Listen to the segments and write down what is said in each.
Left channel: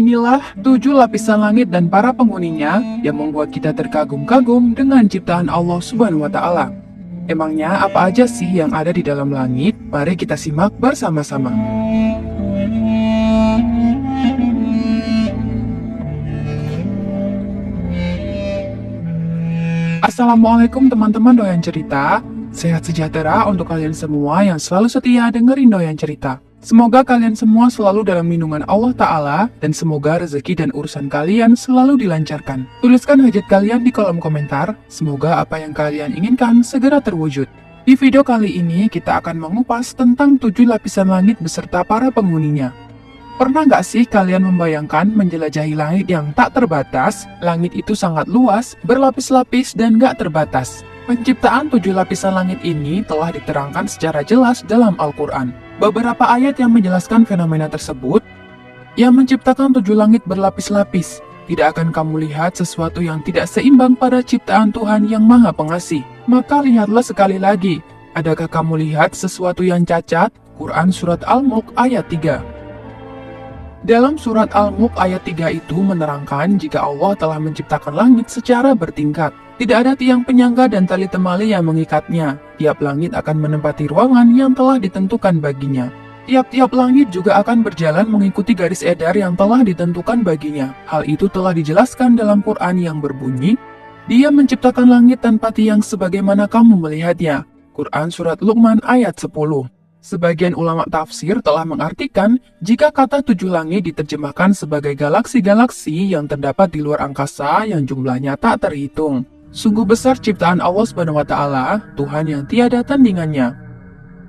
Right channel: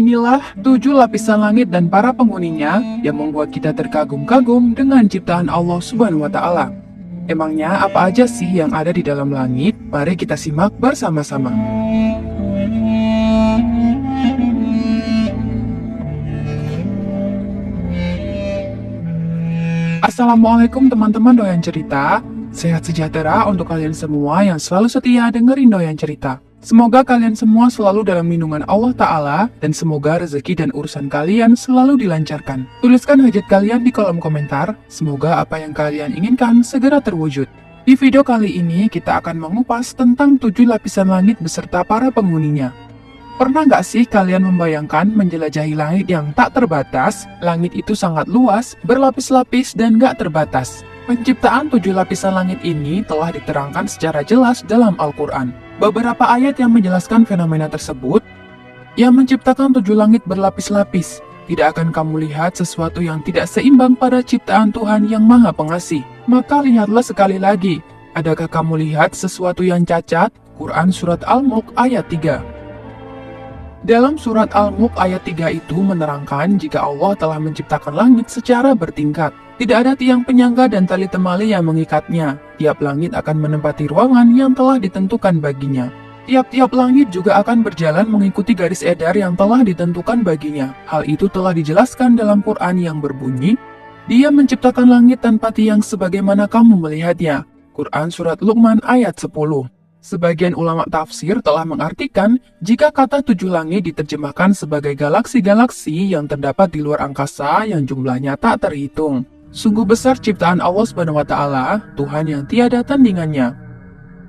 Inilah 7 lapisan langit dan para penghuninya yang membuat kita terkagum-kagum dengan ciptaan Allah Subhanahu wa Ta'ala. Emangnya apa aja sih yang ada di dalam langit? Mari kita simak bersama-sama. Assalamualaikum teman-teman doyan cerita. Sehat sejahtera untuk kalian semua yang selalu setia dengerin doyan cerita. Semoga kalian semua selalu dalam lindungan Allah Ta'ala dan semoga rezeki dan urusan kalian selalu dilancarkan. Tuliskan hajat kalian di kolom komentar, semoga apa yang kalian inginkan segera terwujud. Di video kali ini kita akan mengupas tentang 7 lapisan langit beserta para penghuninya. Pernah nggak sih kalian membayangkan menjelajahi langit yang tak terbatas? Langit itu sangat luas, berlapis-lapis dan nggak terbatas. Penciptaan 7 lapisan langit ini telah diterangkan secara jelas dalam Al-Quran. Beberapa ayat yang menjelaskan fenomena tersebut, yang menciptakan 7 langit berlapis-lapis. Tidak akan kamu lihat sesuatu yang tidak seimbang pada ciptaan Tuhan yang Maha Pengasih. Maka lihatlah sekali lagi, adakah kamu lihat sesuatu yang cacat? Quran Surat Al-Mulk ayat 3. Dalam surat Al-Mulk ayat 3 itu menerangkan jika Allah telah menciptakan langit secara bertingkat. Tidak ada tiang penyangga dan tali temali yang mengikatnya. Tiap langit akan menempati ruangan yang telah ditentukan baginya. Tiap-tiap langit juga akan berjalan mengikuti garis edar yang telah ditentukan baginya. Hal itu telah dijelaskan dalam Quran yang berbunyi, Dia menciptakan langit tanpa tiang sebagaimana kamu melihatnya. Quran Surat Luqman ayat 10. Sebagian ulama tafsir telah mengartikan jika kata 7 langit diterjemahkan sebagai galaksi-galaksi yang terdapat di luar angkasa yang jumlahnya tak terhitung. Sungguh besar ciptaan Allah Subhanahu wa Ta'ala, Tuhan yang tiada tandingannya.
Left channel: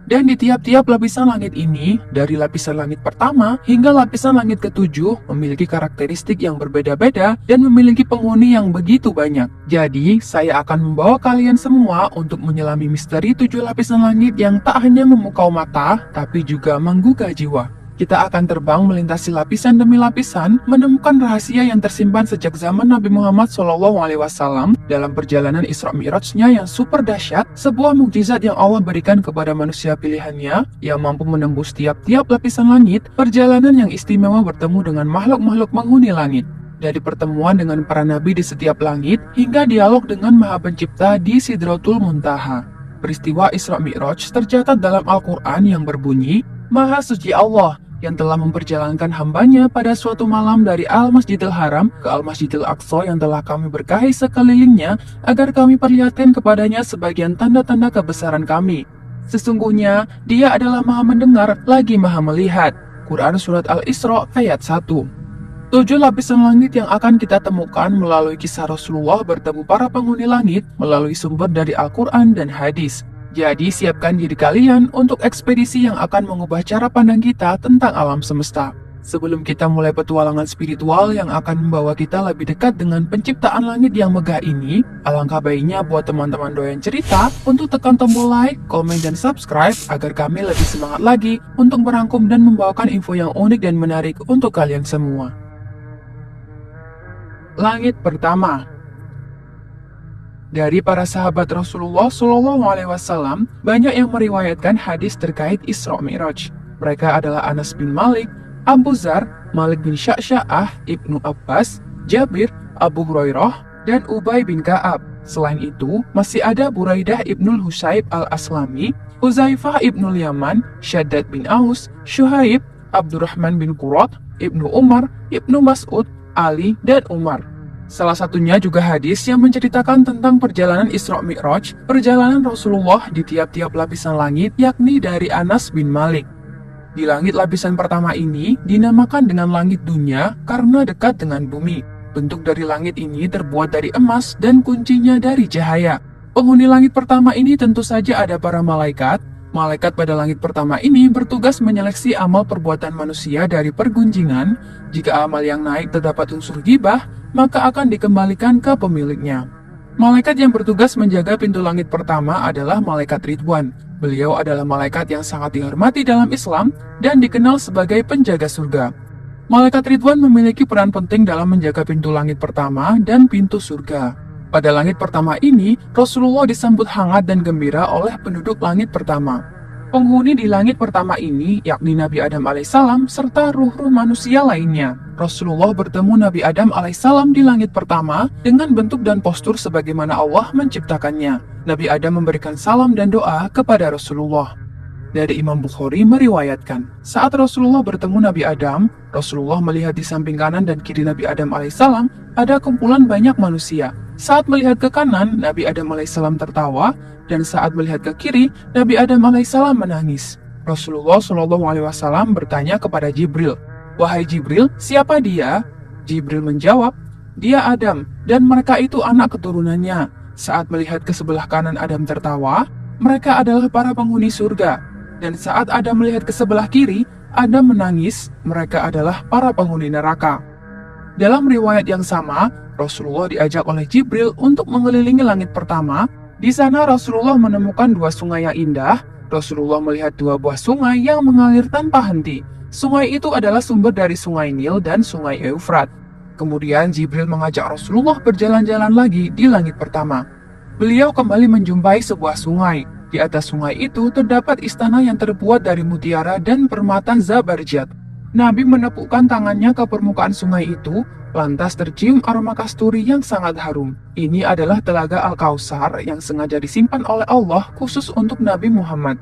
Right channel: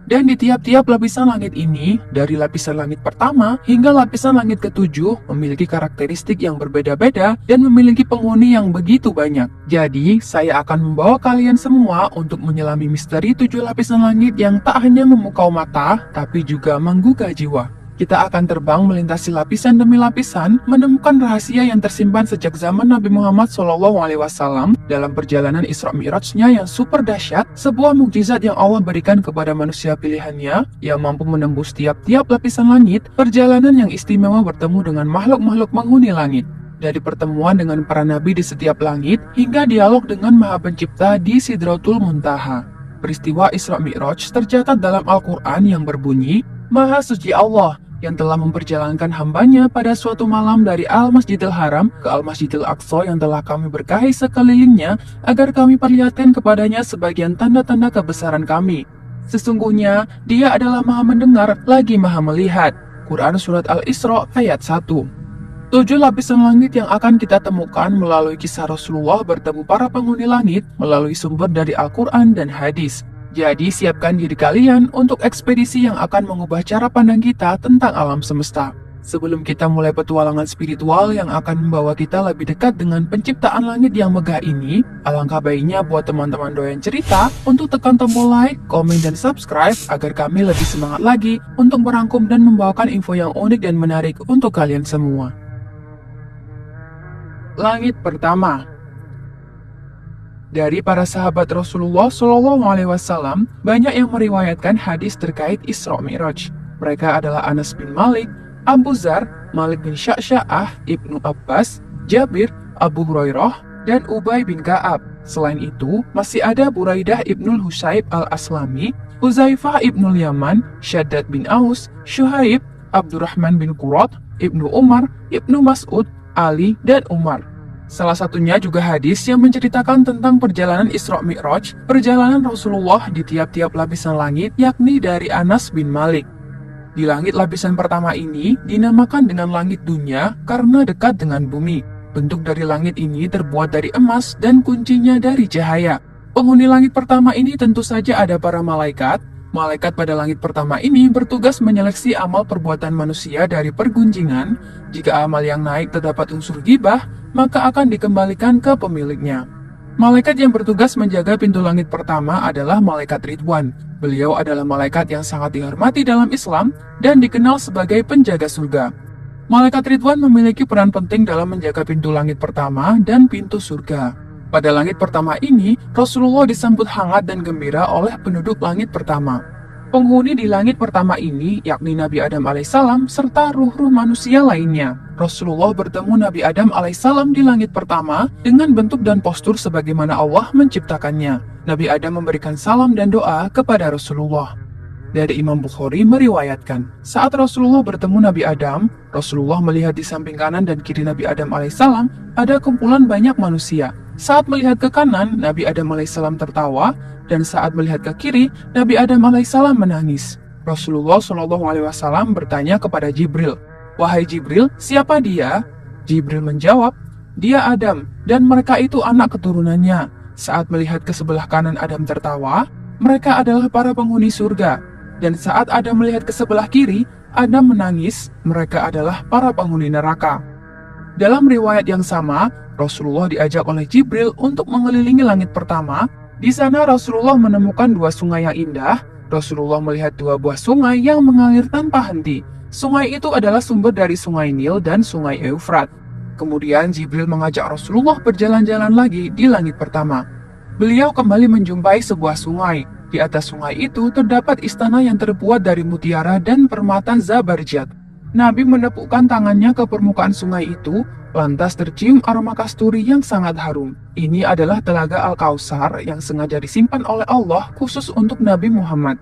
Dan di tiap-tiap lapisan langit ini, dari lapisan langit pertama hingga lapisan langit ke-7 memiliki karakteristik yang berbeda-beda dan memiliki penghuni yang begitu banyak. Jadi, saya akan membawa kalian semua untuk menyelami misteri 7 lapisan langit yang tak hanya memukau mata, tapi juga menggugah jiwa. Kita akan terbang melintasi lapisan demi lapisan, menemukan rahasia yang tersimpan sejak zaman Nabi Muhammad SAW dalam perjalanan Isra Mi'rajnya yang super dahsyat, sebuah mukjizat yang Allah berikan kepada manusia pilihannya yang mampu menembus tiap-tiap lapisan langit, perjalanan yang istimewa bertemu dengan makhluk-makhluk penghuni langit. Dari pertemuan dengan para nabi di setiap langit, hingga dialog dengan Maha Pencipta di Sidratul Muntaha. Peristiwa Isra Mi'raj tercatat dalam Al-Quran yang berbunyi, Maha Suci Allah yang telah memperjalankan hambanya pada suatu malam dari Al-Masjidil Haram ke Al-Masjidil Aqsa yang telah kami berkahi sekelilingnya agar kami perlihatkan kepadanya sebagian tanda-tanda kebesaran kami. Sesungguhnya dia adalah Maha Mendengar lagi Maha Melihat. Quran Surat Al-Isra ayat 1. 7 lapisan langit yang akan kita temukan melalui kisah Rasulullah bertemu para penghuni langit melalui sumber dari Al-Quran dan hadis. Jadi siapkan diri kalian untuk ekspedisi yang akan mengubah cara pandang kita tentang alam semesta. Sebelum kita mulai petualangan spiritual yang akan membawa kita lebih dekat dengan penciptaan langit yang megah ini, alangkah baiknya buat teman-teman doyan cerita untuk tekan tombol like, komen, dan subscribe agar kami lebih semangat lagi untuk merangkum dan membawakan info yang unik dan menarik untuk kalian semua. Langit pertama. Dari para sahabat Rasulullah SAW, banyak yang meriwayatkan hadis terkait Isra Mi'raj. Mereka adalah Anas bin Malik, Abu Dzar, Malik bin Sya'sya'ah, Ibnu Abbas, Jabir, Abu Hurairah, dan Ubay bin Ka'ab. Selain itu, masih ada Buraidah ibnul Husayb al-Aslami, Uzaifah ibnul Yaman, Syaddad bin Aus, Syuhaib, Abdurrahman bin Qurat, Ibnu Umar, Ibnu Mas'ud, Ali, dan Umar. Salah satunya juga hadis yang menceritakan tentang perjalanan Isra Mi'raj, perjalanan Rasulullah di tiap-tiap lapisan langit, yakni dari Anas bin Malik. Di langit lapisan pertama ini dinamakan dengan langit dunia karena dekat dengan bumi. Bentuk dari langit ini terbuat dari emas dan kuncinya dari cahaya. Penghuni langit pertama ini tentu saja ada para malaikat. Malaikat pada langit pertama ini bertugas menyeleksi amal perbuatan manusia dari pergunjingan. Jika amal yang naik terdapat unsur ghibah, maka akan dikembalikan ke pemiliknya. Malaikat yang bertugas menjaga pintu langit pertama adalah Malaikat Ridwan. Beliau adalah malaikat yang sangat dihormati dalam Islam dan dikenal sebagai penjaga surga. Malaikat Ridwan memiliki peran penting dalam menjaga pintu langit pertama dan pintu surga. Pada langit pertama ini, Rasulullah disambut hangat dan gembira oleh penduduk langit pertama. Penghuni di langit pertama ini yakni Nabi Adam alaihissalam serta ruh-ruh manusia lainnya. Rasulullah bertemu Nabi Adam alaihissalam di langit pertama dengan bentuk dan postur sebagaimana Allah menciptakannya. Nabi Adam memberikan salam dan doa kepada Rasulullah. Dari Imam Bukhari meriwayatkan, saat Rasulullah bertemu Nabi Adam, Rasulullah melihat di samping kanan dan kiri Nabi Adam alaihissalam ada kumpulan banyak manusia. Saat melihat ke kanan, Nabi Adam alaihissalam tertawa, dan saat melihat ke kiri, Nabi Adam alaihissalam menangis. Rasulullah Shallallahu alaihi wasallam bertanya kepada Jibril, "Wahai Jibril, siapa dia?" Jibril menjawab, "Dia Adam, dan mereka itu anak keturunannya." Saat melihat ke sebelah kanan Adam tertawa, mereka adalah para penghuni surga. Dan saat Adam melihat ke sebelah kiri, Adam menangis, mereka adalah para penghuni neraka. Dalam riwayat yang sama, Rasulullah diajak oleh Jibril untuk mengelilingi langit pertama. Di sana Rasulullah menemukan dua sungai yang indah. Rasulullah melihat dua buah sungai yang mengalir tanpa henti. Sungai itu adalah sumber dari sungai Nil dan sungai Eufrat. Kemudian Jibril mengajak Rasulullah berjalan-jalan lagi di langit pertama. Beliau kembali menjumpai sebuah sungai. Di atas sungai itu terdapat istana yang terbuat dari mutiara dan permata Zabarjat. Nabi menepukkan tangannya ke permukaan sungai itu, lantas tercium aroma kasturi yang sangat harum. Ini adalah telaga Al-Kautsar yang sengaja disimpan oleh Allah khusus untuk Nabi Muhammad.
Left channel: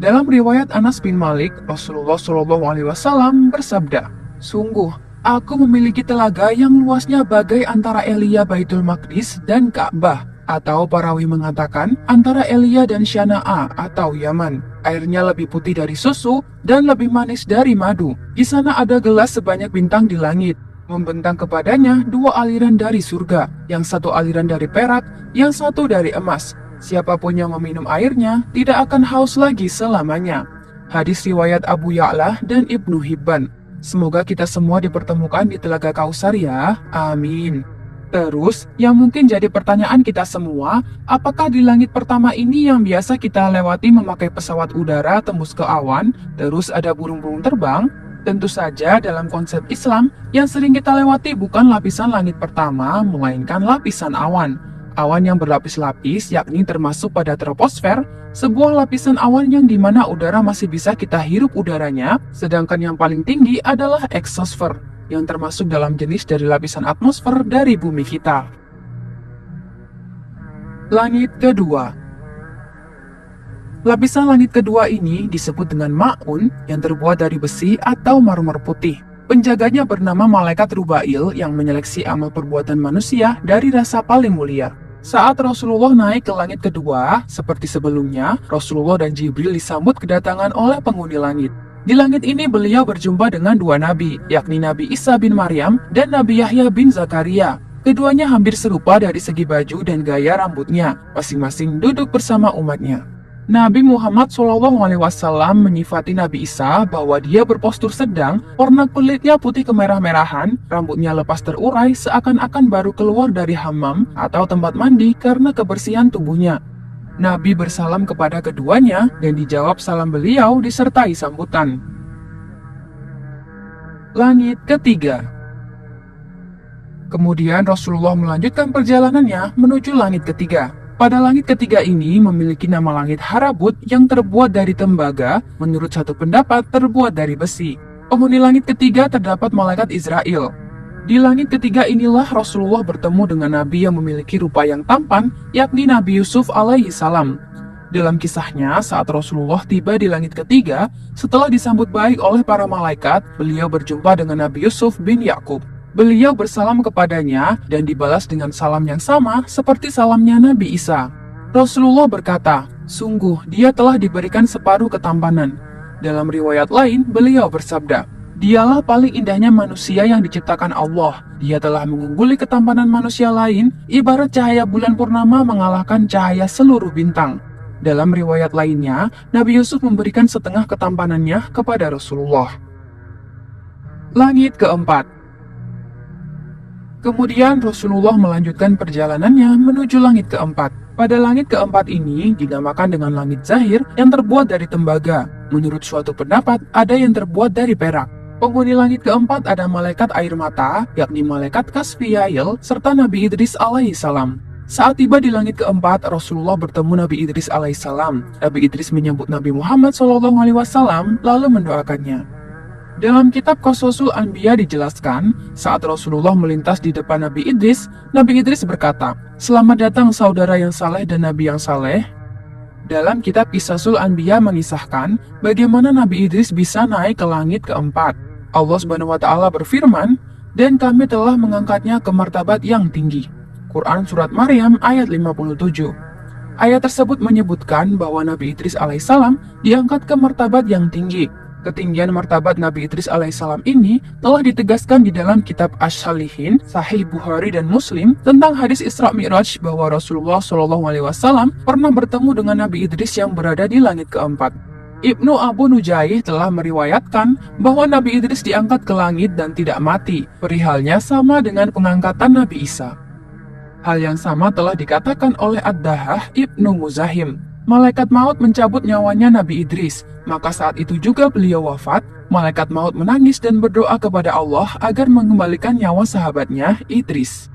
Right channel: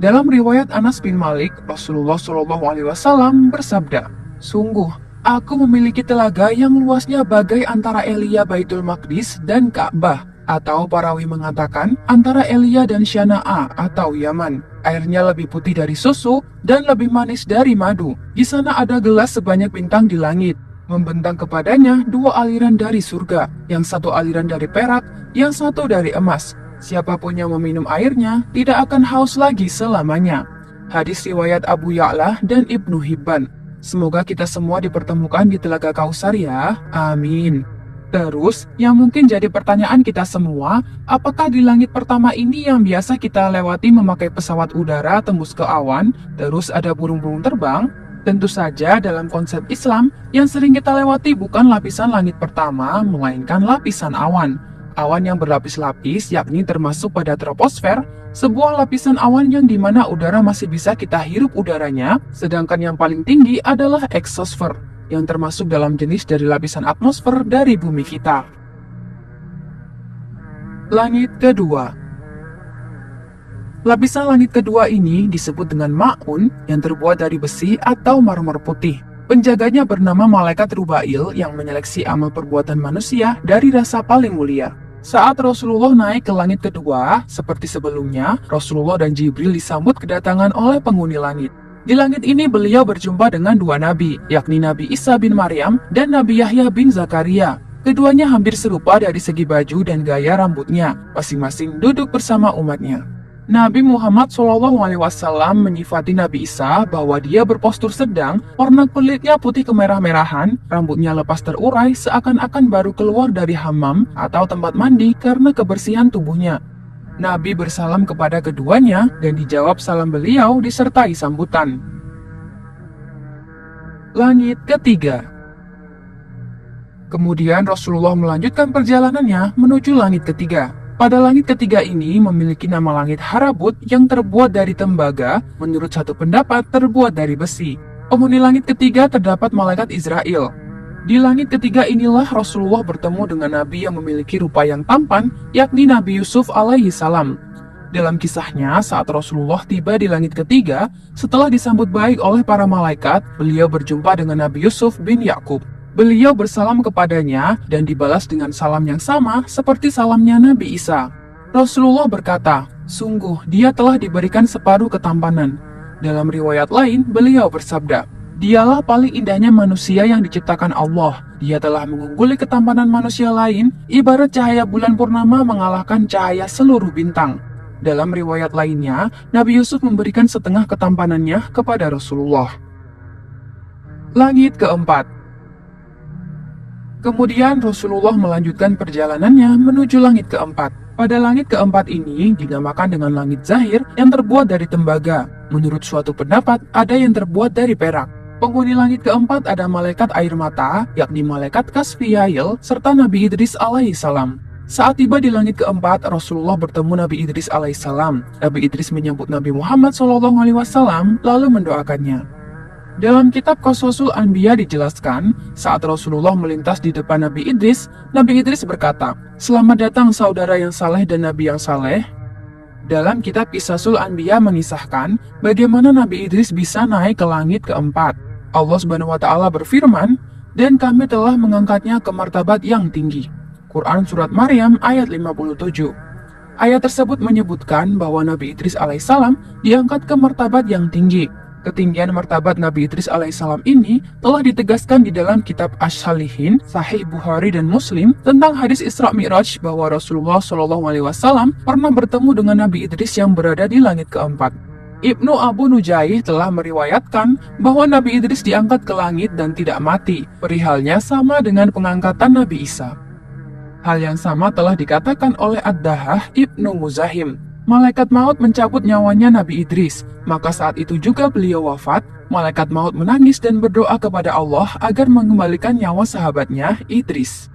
Dalam riwayat Anas bin Malik, Rasulullah Shallallahu alaihi wasallam bersabda, "Sungguh, aku memiliki telaga yang luasnya bagai antara Elia Baitul Maqdis dan Ka'bah." Atau parawi mengatakan antara Elia dan Syana'a atau Yaman. Airnya lebih putih dari susu dan lebih manis dari madu. Di sana ada gelas sebanyak bintang di langit. Membentang kepadanya dua aliran dari surga, yang satu aliran dari perak, yang satu dari emas. Siapapun yang meminum airnya tidak akan haus lagi selamanya. Hadis riwayat Abu Ya'la dan Ibnu Hibban. Semoga kita semua dipertemukan di Telaga Kautsar ya. Amin. Terus, yang mungkin jadi pertanyaan kita semua, apakah di langit pertama ini yang biasa kita lewati memakai pesawat udara tembus ke awan, terus ada burung-burung terbang? Tentu saja dalam konsep Islam, yang sering kita lewati bukan lapisan langit pertama, melainkan lapisan awan. Awan yang berlapis-lapis, yakni termasuk pada troposfer, sebuah lapisan awan yang dimana udara masih bisa kita hirup udaranya, sedangkan yang paling tinggi adalah eksosfer, yang termasuk dalam jenis dari lapisan atmosfer dari bumi kita. Langit kedua. Lapisan langit kedua ini disebut dengan ma'un yang terbuat dari besi atau marmer putih. Penjaganya bernama Malaikat Rubail yang menyeleksi amal perbuatan manusia dari rasa paling mulia. Saat Rasulullah naik ke langit kedua, seperti sebelumnya, Rasulullah dan Jibril disambut kedatangan oleh penghuni langit. Di langit ini beliau berjumpa dengan dua nabi, yakni Nabi Isa bin Maryam dan Nabi Yahya bin Zakaria. Keduanya hampir serupa dari segi baju dan gaya rambutnya, masing-masing duduk bersama umatnya. Nabi Muhammad SAW menyifati Nabi Isa bahwa dia berpostur sedang, warna kulitnya putih kemerah-merahan, rambutnya lepas terurai seakan-akan baru keluar dari hammam atau tempat mandi karena kebersihan tubuhnya. Nabi bersalam kepada keduanya dan dijawab salam beliau disertai sambutan. Langit ketiga. Kemudian Rasulullah melanjutkan perjalanannya menuju langit ketiga. Pada langit ketiga ini memiliki nama langit Harabut yang terbuat dari tembaga, menurut satu pendapat terbuat dari besi. Penghuni langit ketiga terdapat malaikat Israel. Di langit ketiga inilah Rasulullah bertemu dengan Nabi yang memiliki rupa yang tampan, yakni Nabi Yusuf alaihi salam. Dalam kisahnya, saat Rasulullah tiba di langit ketiga, setelah disambut baik oleh para malaikat, beliau berjumpa dengan Nabi Yusuf bin Yakub. Beliau bersalam kepadanya dan dibalas dengan salam yang sama seperti salamnya Nabi Isa. Rasulullah berkata, "Sungguh, dia telah diberikan separuh ketampanan." Dalam riwayat lain, beliau bersabda, "Dialah paling indahnya manusia yang diciptakan Allah. Dia telah mengungguli ketampanan manusia lain, ibarat cahaya bulan purnama mengalahkan cahaya seluruh bintang." Dalam riwayat lainnya, Nabi Yusuf memberikan setengah ketampanannya kepada Rasulullah. Langit keempat. Kemudian Rasulullah melanjutkan perjalanannya menuju langit keempat. Pada langit keempat ini dinamakan dengan langit zahir yang terbuat dari tembaga. Menurut suatu pendapat, ada yang terbuat dari perak. Penghuni langit keempat ada malaikat air mata, yakni malaikat Kasfiyail, serta Nabi Idris alaihi salam. Saat tiba di langit keempat, Rasulullah bertemu Nabi Idris alaihissalam. Nabi Idris menyambut Nabi Muhammad SAW lalu mendoakannya. Dalam kitab Qasasul Anbiya dijelaskan, saat Rasulullah melintas di depan Nabi Idris berkata, "Selamat datang saudara yang saleh dan Nabi yang saleh." Dalam kitab Qisasul Anbiya mengisahkan bagaimana Nabi Idris bisa naik ke langit keempat. Allah Subhanahu wa Ta'ala berfirman, "Dan kami telah mengangkatnya ke martabat yang tinggi." Quran Surat Maryam ayat 57. Ayat tersebut menyebutkan bahwa Nabi Idris alaihissalam diangkat ke martabat yang tinggi. Ketinggian martabat Nabi Idris alaihissalam ini telah ditegaskan di dalam kitab Asy-Syalihin, Sahih Bukhari dan Muslim tentang hadis Isra Mi'raj bahwa Rasulullah SAW pernah bertemu dengan Nabi Idris yang berada di langit keempat. Ibnu Abu Nujaih telah meriwayatkan bahwa Nabi Idris diangkat ke langit dan tidak mati. Perihalnya sama dengan pengangkatan Nabi Isa. Hal yang sama telah dikatakan oleh Ad-Dahah Ibnu Muzahim. Malaikat maut mencabut nyawanya Nabi Idris, maka saat itu juga beliau wafat. Malaikat maut menangis dan berdoa kepada Allah agar mengembalikan nyawa sahabatnya Idris.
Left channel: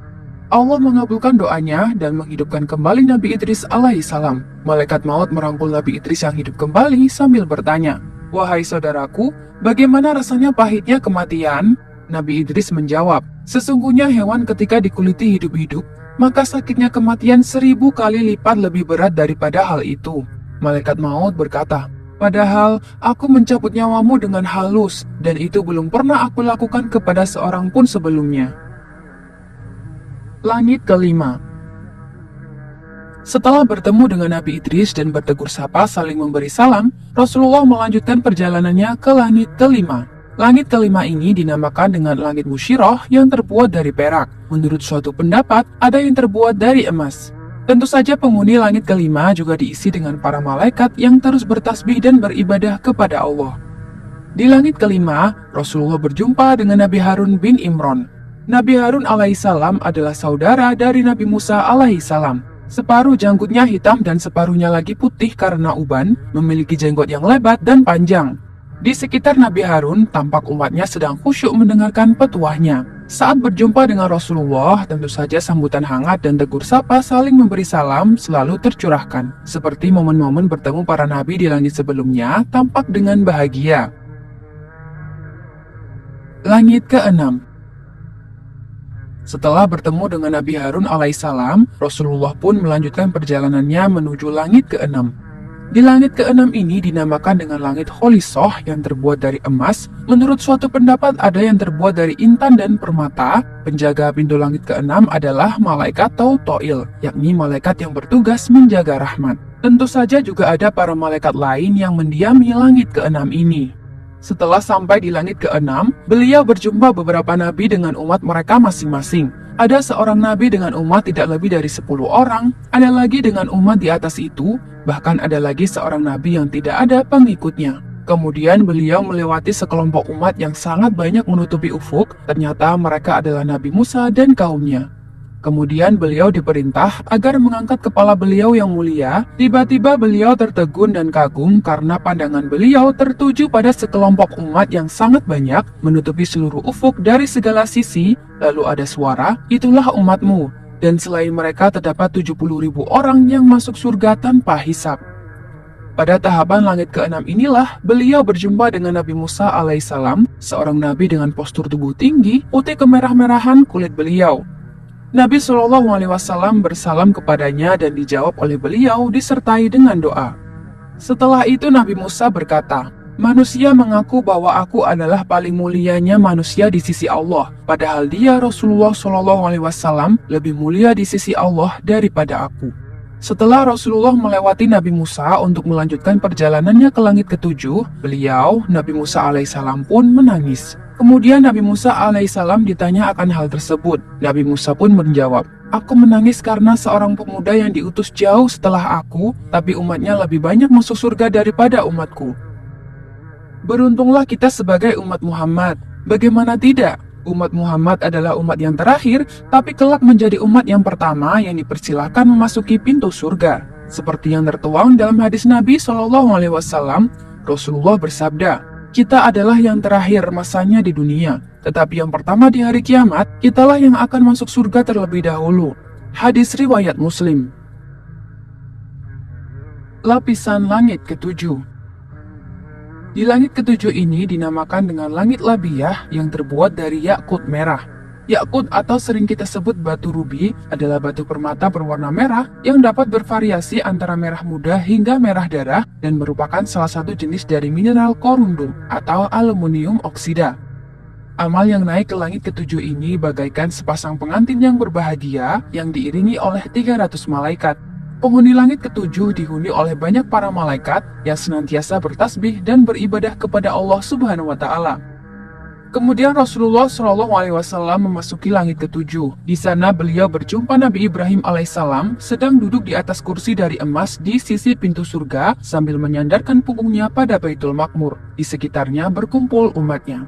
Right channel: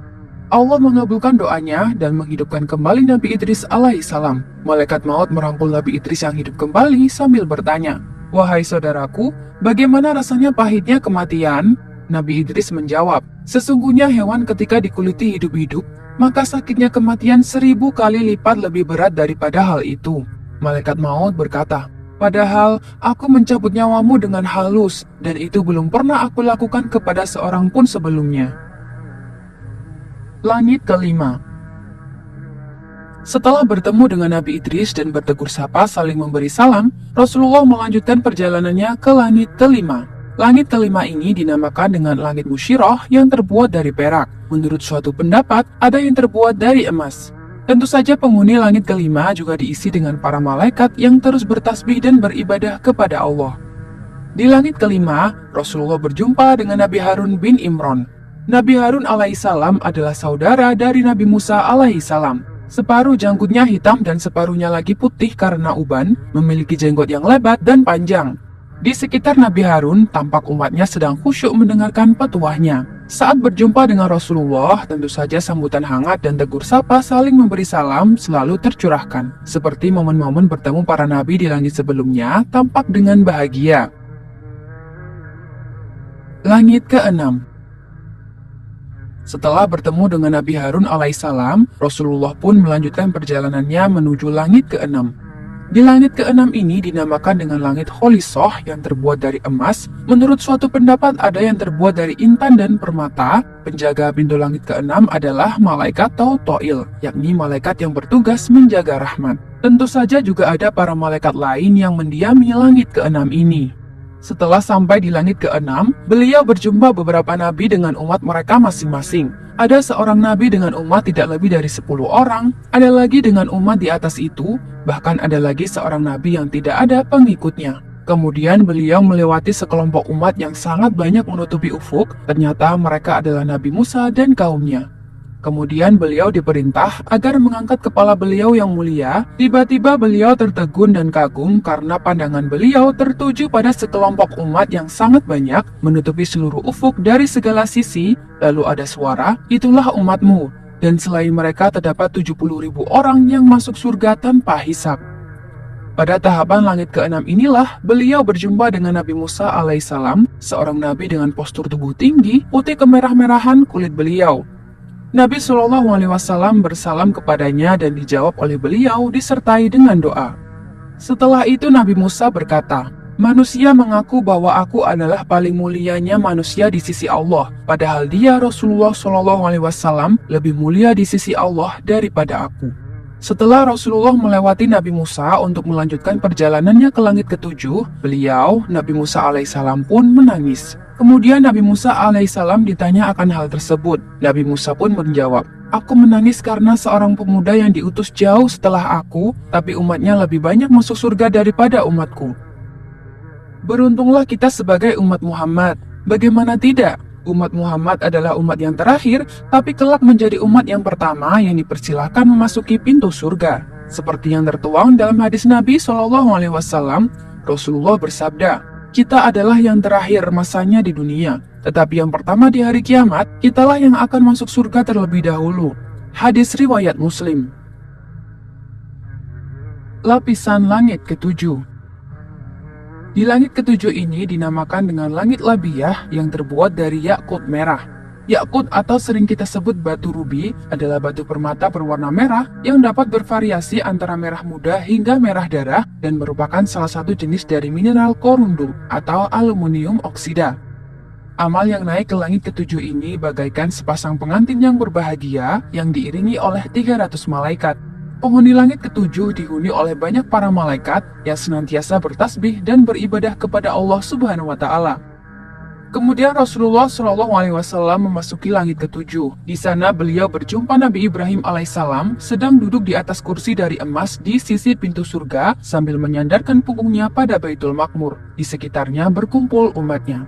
Allah mengabulkan doanya dan menghidupkan kembali Nabi Idris alaihissalam. Malaikat maut merangkul Nabi Idris yang hidup kembali sambil bertanya, "Wahai saudaraku, bagaimana rasanya pahitnya kematian?" Nabi Idris menjawab, "Sesungguhnya hewan ketika dikuliti hidup-hidup, maka sakitnya kematian 1000 kali lipat lebih berat daripada hal itu." Malaikat maut berkata, "Padahal aku mencabut nyawamu dengan halus, dan itu belum pernah aku lakukan kepada seorang pun sebelumnya." Langit kelima. Setelah bertemu dengan Nabi Idris dan bertegur sapa saling memberi salam, Rasulullah melanjutkan perjalanannya ke langit kelima. Langit kelima ini dinamakan dengan langit Musyirah yang terbuat dari perak. Menurut suatu pendapat, ada yang terbuat dari emas. Tentu saja penghuni langit kelima juga diisi dengan para malaikat yang terus bertasbih dan beribadah kepada Allah. Di langit kelima, Rasulullah berjumpa dengan Nabi Harun bin Imran. Nabi Harun alaihissalam adalah saudara dari Nabi Musa alaihissalam. Separuh janggutnya hitam dan separuhnya lagi putih karena uban, memiliki jenggot yang lebat dan panjang. Di sekitar Nabi Harun, tampak umatnya sedang khusyuk mendengarkan petuahnya. Saat berjumpa dengan Rasulullah, tentu saja sambutan hangat dan tegur sapa saling memberi salam selalu tercurahkan. Seperti momen-momen bertemu para nabi di langit sebelumnya, tampak dengan bahagia. Langit keenam. Setelah bertemu dengan Nabi Harun alaihissalam, Rasulullah pun melanjutkan perjalanannya menuju langit keenam. Di langit keenam ini dinamakan dengan langit Kholisah yang terbuat dari emas. Menurut suatu pendapat ada yang terbuat dari intan dan permata. Penjaga pintu langit keenam adalah malaikat Tautoil, yakni malaikat yang bertugas menjaga rahmat. Tentu saja juga ada para malaikat lain yang mendiami langit keenam ini. Setelah sampai di langit keenam, beliau berjumpa beberapa nabi dengan umat mereka masing-masing. Ada seorang nabi dengan umat tidak lebih dari 10 orang, ada lagi dengan umat di atas itu, bahkan ada lagi seorang nabi yang tidak ada pengikutnya. Kemudian beliau melewati sekelompok umat yang sangat banyak menutupi ufuk, ternyata mereka adalah Nabi Musa dan kaumnya. Kemudian beliau diperintah agar mengangkat kepala beliau yang mulia. Tiba-tiba beliau tertegun dan kagum karena pandangan beliau tertuju pada sekelompok umat yang sangat banyak menutupi seluruh ufuk dari segala sisi. Lalu ada suara, "Itulah umatmu." Dan selain mereka terdapat 70.000 orang yang masuk surga tanpa hisab. Pada tahapan langit keenam inilah beliau berjumpa dengan Nabi Musa alaihissalam, seorang nabi dengan postur tubuh tinggi, putih kemerah-merahan kulit beliau. Nabi SAW bersalam kepadanya dan dijawab oleh beliau disertai dengan doa. Setelah itu Nabi Musa berkata, "Manusia mengaku bahwa aku adalah paling mulianya manusia di sisi Allah, padahal dia Rasulullah SAW lebih mulia di sisi Allah daripada aku." Setelah Rasulullah melewati Nabi Musa untuk melanjutkan perjalanannya ke langit ketujuh, Nabi Musa alaihissalam pun menangis. Kemudian Nabi Musa alaihissalam ditanya akan hal tersebut. Nabi Musa pun menjawab, "Aku menangis karena seorang pemuda yang diutus jauh setelah aku, tapi umatnya lebih banyak masuk surga daripada umatku. Beruntunglah kita sebagai umat Muhammad. Bagaimana tidak? Umat Muhammad adalah umat yang terakhir, tapi kelak menjadi umat yang pertama yang dipersilakan memasuki pintu surga." Seperti yang tertuang dalam hadis Nabi SAW, Rasulullah bersabda, "Kita adalah yang terakhir masanya di dunia, tetapi yang pertama di hari kiamat, kitalah yang akan masuk surga terlebih dahulu." Hadis riwayat Muslim. Lapisan langit ketujuh. Di langit ketujuh ini dinamakan dengan langit labiyah yang terbuat dari yakut merah. Yakut atau sering kita sebut batu rubi adalah batu permata berwarna merah yang dapat bervariasi antara merah muda hingga merah darah dan merupakan salah satu jenis dari mineral korundum atau aluminium oksida. Amal yang naik ke langit ketujuh ini bagaikan sepasang pengantin yang berbahagia yang diiringi oleh 300 malaikat. Penghuni langit ketujuh dihuni oleh banyak para malaikat yang senantiasa bertasbih dan beribadah kepada Allah Subhanahu wa Ta'ala. Kemudian Rasulullah Shallallahu Alaihi Wasallam memasuki langit ketujuh. Di sana beliau berjumpa Nabi Ibrahim alaihissalam sedang duduk di atas kursi dari emas di sisi pintu surga sambil menyandarkan punggungnya pada Baitul Makmur. Di sekitarnya berkumpul umatnya.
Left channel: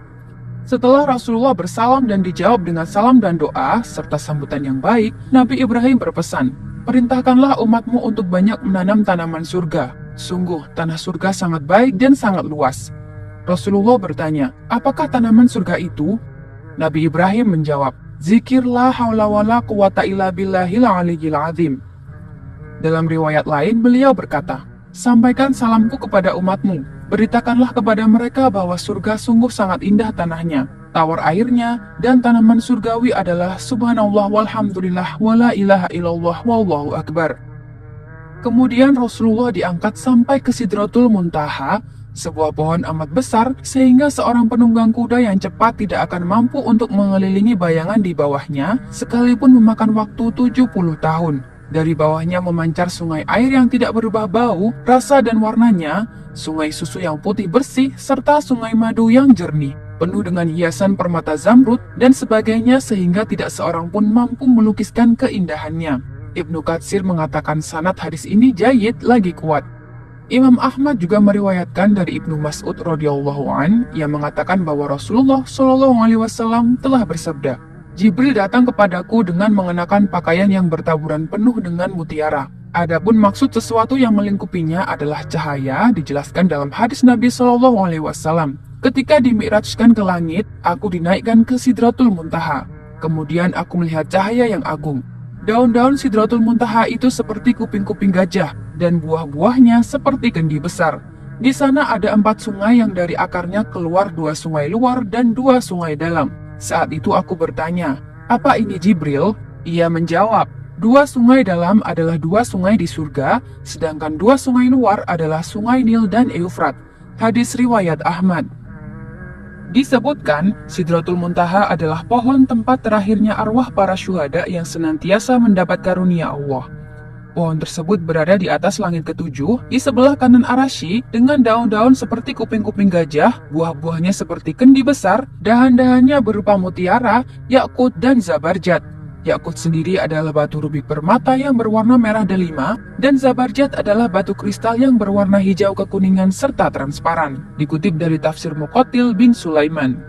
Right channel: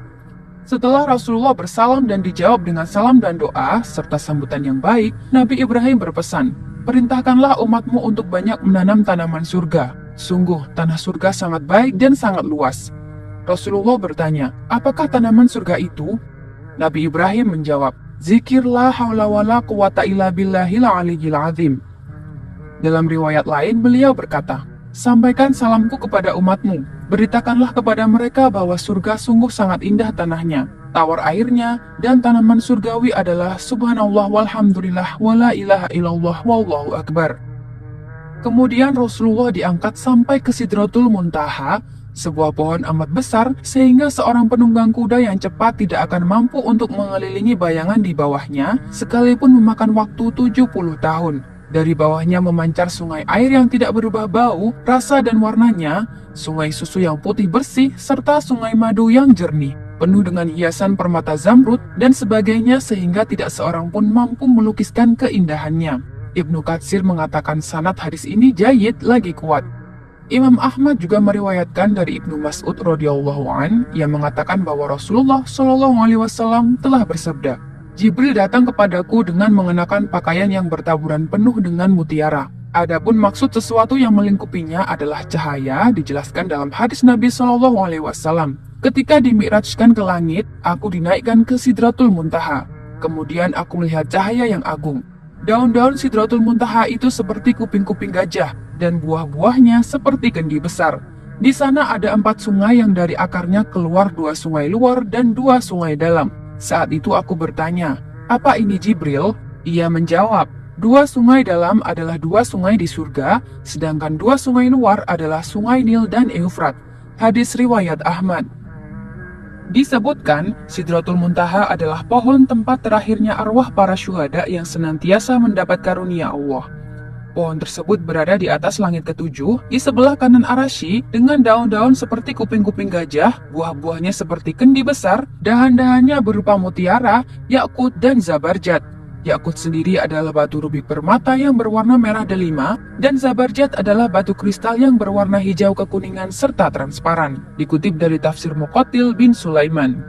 Setelah Rasulullah bersalam dan dijawab dengan salam dan doa serta sambutan yang baik, Nabi Ibrahim berpesan, "Perintahkanlah umatmu untuk banyak menanam tanaman surga. Sungguh, tanah surga sangat baik dan sangat luas." Rasulullah bertanya, "Apakah tanaman surga itu?" Nabi Ibrahim menjawab, "Zikir la haula wala quwata illa billahil aliyyil azim." Dalam riwayat lain, beliau berkata, "Sampaikan salamku kepada umatmu. Beritakanlah kepada mereka bahwa surga sungguh sangat indah tanahnya. Tawar airnya dan tanaman surgawi adalah subhanallah walhamdulillah wala ilaha illallah wallahu akbar." Kemudian Rasulullah diangkat sampai ke Sidratul Muntaha, sebuah pohon amat besar sehingga seorang penunggang kuda yang cepat tidak akan mampu untuk mengelilingi bayangan di bawahnya sekalipun memakan waktu 70 tahun. Dari bawahnya memancar sungai air yang tidak berubah bau, rasa dan warnanya, sungai susu yang putih bersih, serta sungai madu yang jernih, penuh dengan hiasan permata zamrud dan sebagainya sehingga tidak seorang pun mampu melukiskan keindahannya. Ibnu Katsir mengatakan sanad hadis ini jayyid lagi kuat. Imam Ahmad juga meriwayatkan dari Ibnu Mas'ud radhiyallahu an yang mengatakan bahwa Rasulullah Shallallahu alaihi wasallam telah bersabda, "Jibril datang kepadaku dengan mengenakan pakaian yang bertaburan penuh dengan mutiara. Adapun maksud sesuatu yang melingkupinya adalah cahaya," dijelaskan dalam hadis Nabi Shallallahu alaihi wasallam. "Ketika dimi'rajkan ke langit, aku dinaikkan ke Sidratul Muntaha. Kemudian aku melihat cahaya yang agung. Daun-daun Sidratul Muntaha itu seperti kuping-kuping gajah, dan buah-buahnya seperti kendi besar. Di sana ada 4 sungai yang dari akarnya keluar 2 sungai luar dan 2 sungai dalam. Saat itu aku bertanya, 'Apa ini Jibril?' Ia menjawab, 2 sungai dalam adalah 2 sungai di surga, sedangkan 2 sungai luar adalah sungai Nil dan Eufrat." Hadis riwayat Ahmad. Disebutkan, Sidratul Muntaha adalah pohon tempat terakhirnya arwah para syuhada yang senantiasa mendapat karunia Allah. Pohon tersebut berada di atas langit ketujuh, di sebelah kanan Arasy, dengan daun-daun seperti kuping-kuping gajah, buah-buahnya seperti kendi besar, dahan-dahannya berupa mutiara, yakut, dan zabarjat. Yakut sendiri adalah batu rubik permata yang berwarna merah delima, dan zabarjat adalah batu kristal yang berwarna hijau kekuningan serta transparan. Dikutip dari tafsir Muqatil bin Sulaiman.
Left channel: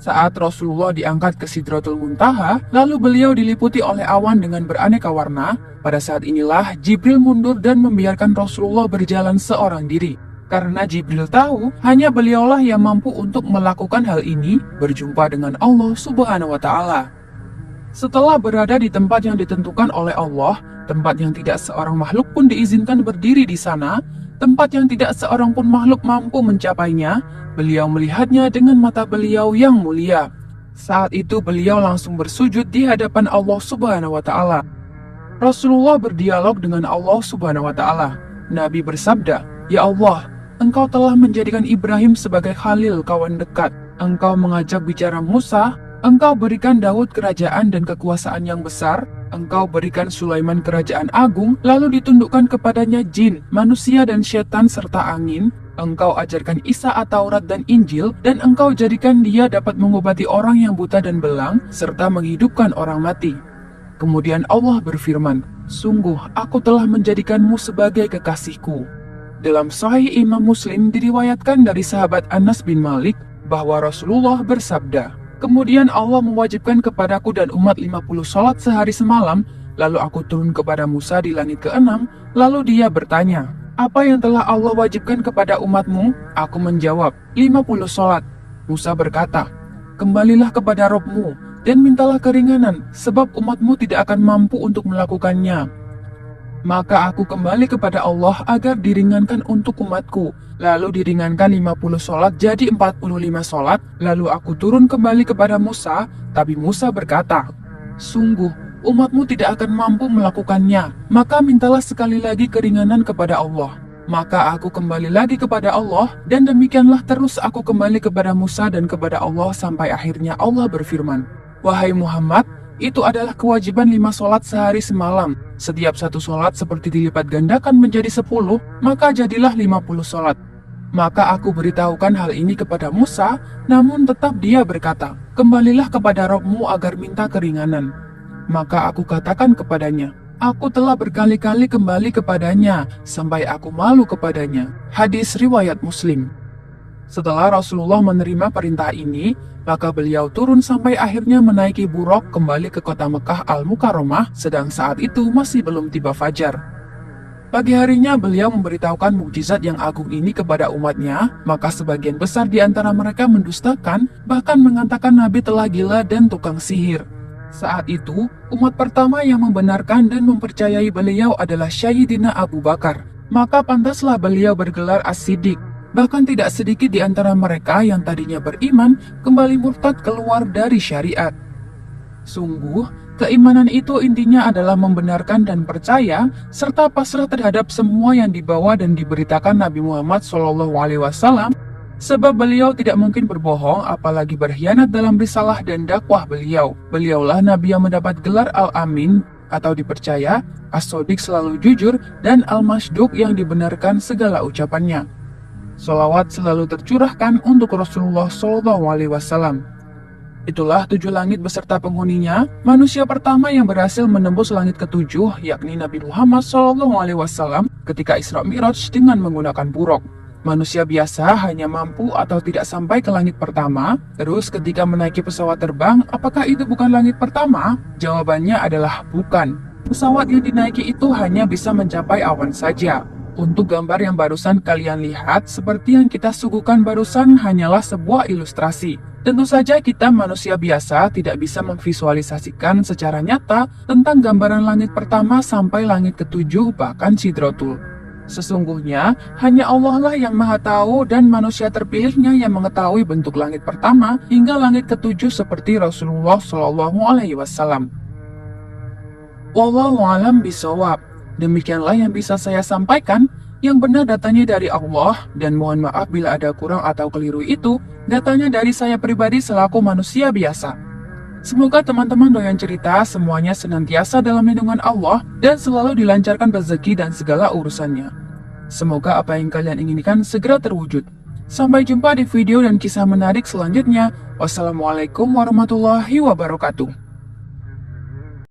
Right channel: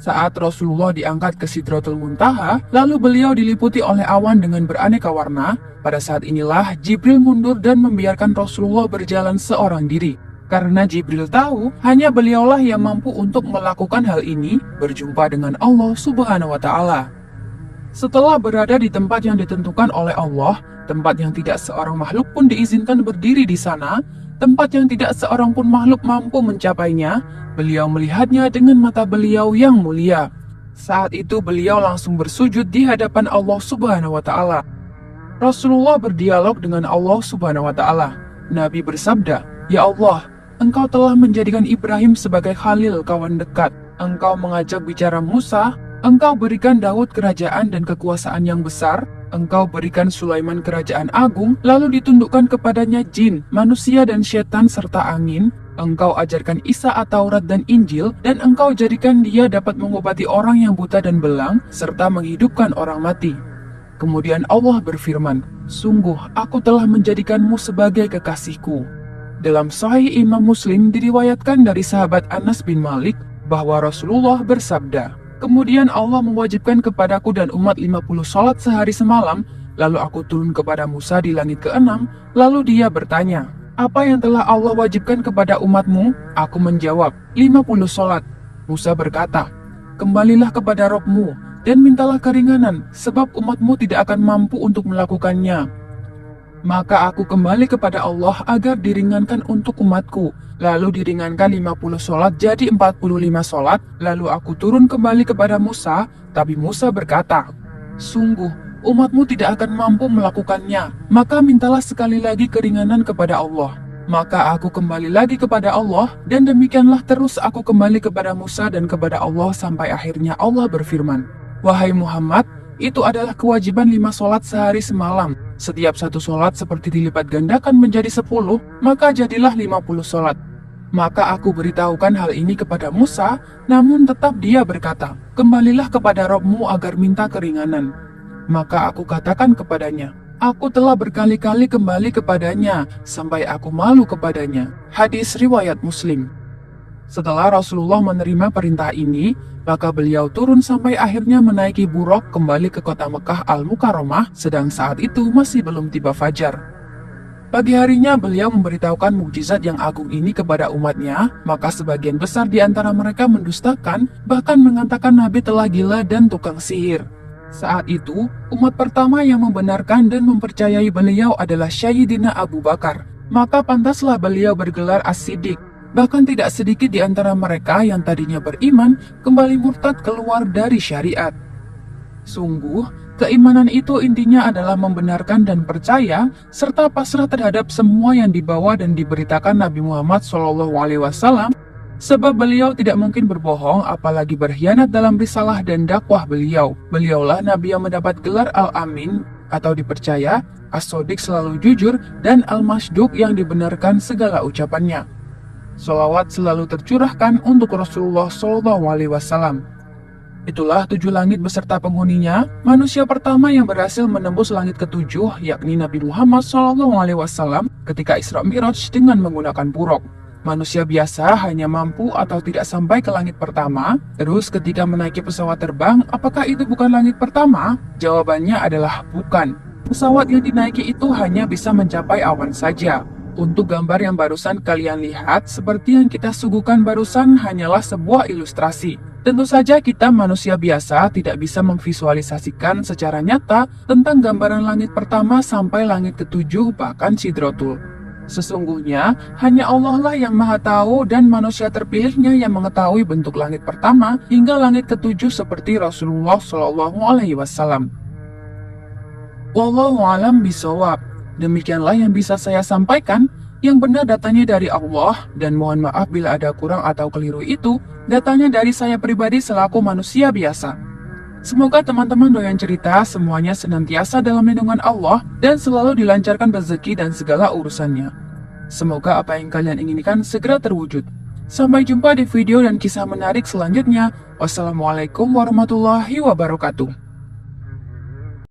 Saat Rasulullah diangkat ke Sidratul Muntaha, lalu beliau diliputi oleh awan dengan beraneka warna. Pada saat inilah Jibril mundur dan membiarkan Rasulullah berjalan seorang diri. Karena Jibril tahu, hanya beliaulah yang mampu untuk melakukan hal ini, berjumpa dengan Allah Subhanahu wa Ta'ala. Setelah berada di tempat yang ditentukan oleh Allah, tempat yang tidak seorang makhluk pun diizinkan berdiri di sana, tempat yang tidak seorang pun makhluk mampu mencapainya, beliau melihatnya dengan mata beliau yang mulia. Saat itu beliau langsung bersujud di hadapan Allah Subhanahu wa Ta'ala. Rasulullah berdialog dengan Allah Subhanahu wa Ta'ala. Nabi bersabda, "Ya Allah, Engkau telah menjadikan Ibrahim sebagai khalil kawan dekat. Engkau mengajak bicara Musa. Engkau berikan Daud kerajaan dan kekuasaan yang besar. Engkau berikan Sulaiman kerajaan agung, lalu ditundukkan kepadanya jin, manusia dan setan serta angin. Engkau ajarkan Isa At-Taurat dan Injil, dan engkau jadikan dia dapat mengobati orang yang buta dan belang, serta menghidupkan orang mati." Kemudian Allah berfirman, "Sungguh aku telah menjadikanmu sebagai kekasihku." Dalam Sahih Imam Muslim diriwayatkan dari sahabat Anas bin Malik bahwa Rasulullah bersabda, "Kemudian Allah mewajibkan kepadaku dan umat 50 salat sehari semalam, lalu aku turun kepada Musa di langit ke-6, lalu dia bertanya, 'Apa yang telah Allah wajibkan kepada umatmu?' Aku menjawab, 50 salat. Musa berkata, 'Kembalilah kepada Rabb-mu, dan mintalah keringanan, sebab umatmu tidak akan mampu untuk melakukannya. Maka aku kembali kepada Allah agar diringankan untuk umatku. Lalu diringankan 50 sholat jadi 45 sholat. Lalu aku turun kembali kepada Musa, tapi Musa berkata, "Sungguh, umatmu tidak akan mampu melakukannya. Maka mintalah sekali lagi keringanan kepada Allah." Maka aku kembali lagi kepada Allah, dan demikianlah terus aku kembali kepada Musa dan kepada Allah sampai akhirnya Allah berfirman, "Wahai Muhammad, itu adalah kewajiban 5 sholat sehari semalam. Setiap satu sholat seperti dilipat gandakan menjadi 10, maka jadilah 50 sholat." Maka aku beritahukan hal ini kepada Musa, namun tetap dia berkata, "Kembalilah kepada Rabbmu agar minta keringanan." Maka aku katakan kepadanya, "Aku telah berkali-kali kembali kepadanya, sampai aku malu kepadanya." Hadis riwayat Muslim. Setelah Rasulullah menerima perintah ini, maka beliau turun sampai akhirnya menaiki buruk kembali ke kota Mekah Al-Mukarramah, sedang saat itu masih belum tiba fajar. Pagi harinya beliau memberitahukan mukjizat yang agung ini kepada umatnya, maka sebagian besar di antara mereka mendustakan, bahkan mengatakan Nabi telah gila dan tukang sihir. Saat itu, umat pertama yang membenarkan dan mempercayai beliau adalah Sayyidina Abu Bakar. Maka pantaslah beliau bergelar As-Siddiq. Bahkan tidak sedikit di antara mereka yang tadinya beriman kembali murtad keluar dari syariat. Sungguh, keimanan itu intinya adalah membenarkan dan percaya serta pasrah terhadap semua yang dibawa dan diberitakan Nabi Muhammad SAW. Sebab beliau tidak mungkin berbohong, apalagi berkhianat dalam risalah dan dakwah beliau. Beliaulah Nabi yang mendapat gelar Al-Amin atau dipercaya, As-Shodiq selalu jujur, dan Al-Masduq yang dibenarkan segala ucapannya. Sholawat selalu tercurahkan untuk Rasulullah SAW. Itulah 7 langit beserta penghuninya, manusia pertama yang berhasil menembus langit ke-7, yakni Nabi Muhammad SAW ketika Isra Mi'raj dengan menggunakan buruk. Manusia biasa hanya mampu atau tidak sampai ke langit pertama. Terus ketika menaiki pesawat terbang, apakah itu bukan langit pertama? Jawabannya adalah bukan. Pesawat yang dinaiki itu hanya bisa mencapai awan saja. Untuk gambar yang barusan kalian lihat, seperti yang kita suguhkan barusan hanyalah sebuah ilustrasi. Tentu saja kita manusia biasa tidak bisa memvisualisasikan secara nyata tentang gambaran langit pertama sampai langit ke-7 bahkan Sidratul. Sesungguhnya, hanya Allah lah yang maha tahu dan manusia terpilihnya yang mengetahui bentuk langit pertama hingga langit ke-7 seperti Rasulullah SAW. Wallahu a'lam bishawab. Demikianlah yang bisa saya sampaikan. Yang benar datanya dari Allah, dan mohon maaf bila ada kurang atau keliru itu datanya dari saya pribadi selaku manusia biasa. Semoga teman-teman doyan cerita semuanya senantiasa dalam lindungan Allah dan selalu dilancarkan rezeki dan segala urusannya. Semoga apa yang kalian inginkan segera terwujud. Sampai jumpa di video dan kisah menarik selanjutnya. Wassalamualaikum warahmatullahi wabarakatuh.